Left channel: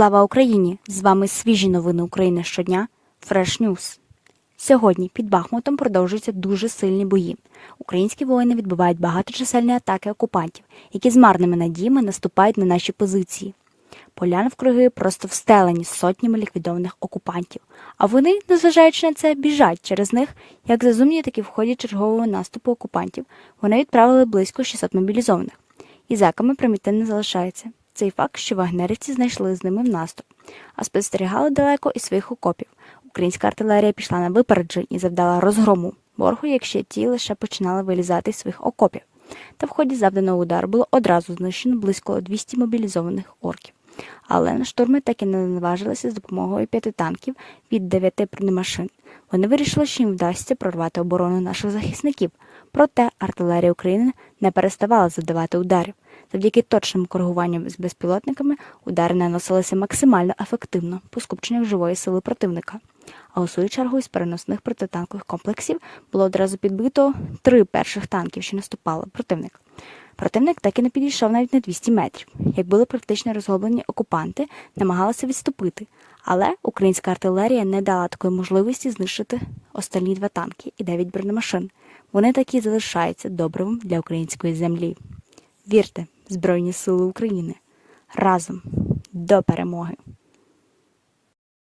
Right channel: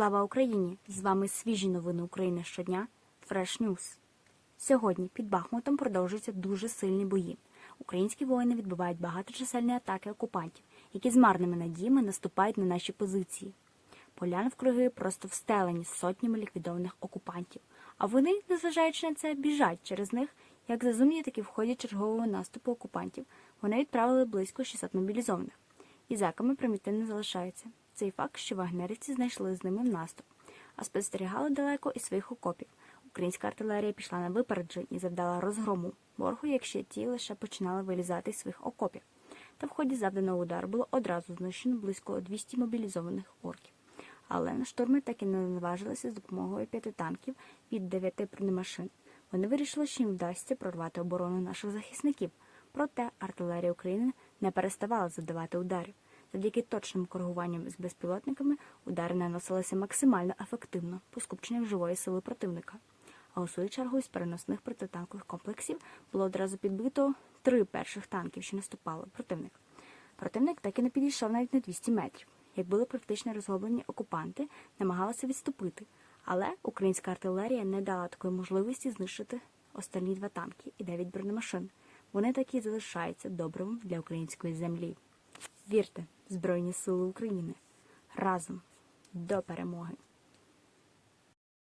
Слава Україні! З вами свіжі новини України щодня. Fresh News. Сьогодні під Бахмутом продовжуються дуже сильні бої. Українські воїни відбивають багаточисельні атаки окупантів, які з марними надіями наступають на наші позиції. Поляни вкруги просто встелені сотнями ліквідованих окупантів. А вони, незважаючи на це, біжать через них, як зазумні, так і в ході чергового наступу окупантів. Вони відправили близько 600 мобілізованих. І зеками примітивно залишається. Цей факт, що вагнерівці знайшли з ними в наступ, а спостерігали далеко із своїх окопів. Українська артилерія пішла на випередження і завдала розгрому ворогу, якщо ті лише починали вилізати з своїх окопів. Та в ході завданого удару було одразу знищено близько 200 мобілізованих орків. Але на штурми так і не наважилися з допомогою п'яти танків від дев'яти бронемашин. Вони вирішили, що їм вдасться прорвати оборону наших захисників. Проте артилерія України не переставала завдавати ударів. Завдяки точним коригуванням з безпілотниками удари наносилися максимально ефективно по скупченнях живої сили противника. А у свою чергу із переносних протитанкових комплексів було одразу підбито три перших танків, що наступали противник. Противник так і не підійшов навіть на 200 метрів. Як були практично розгублені окупанти, намагалися відступити, але українська артилерія не дала такої можливості знищити останні два танки і дев'ять бронемашин. Вони такі залишаються добривом для української землі. Вірте, Збройні Сили України разом до перемоги!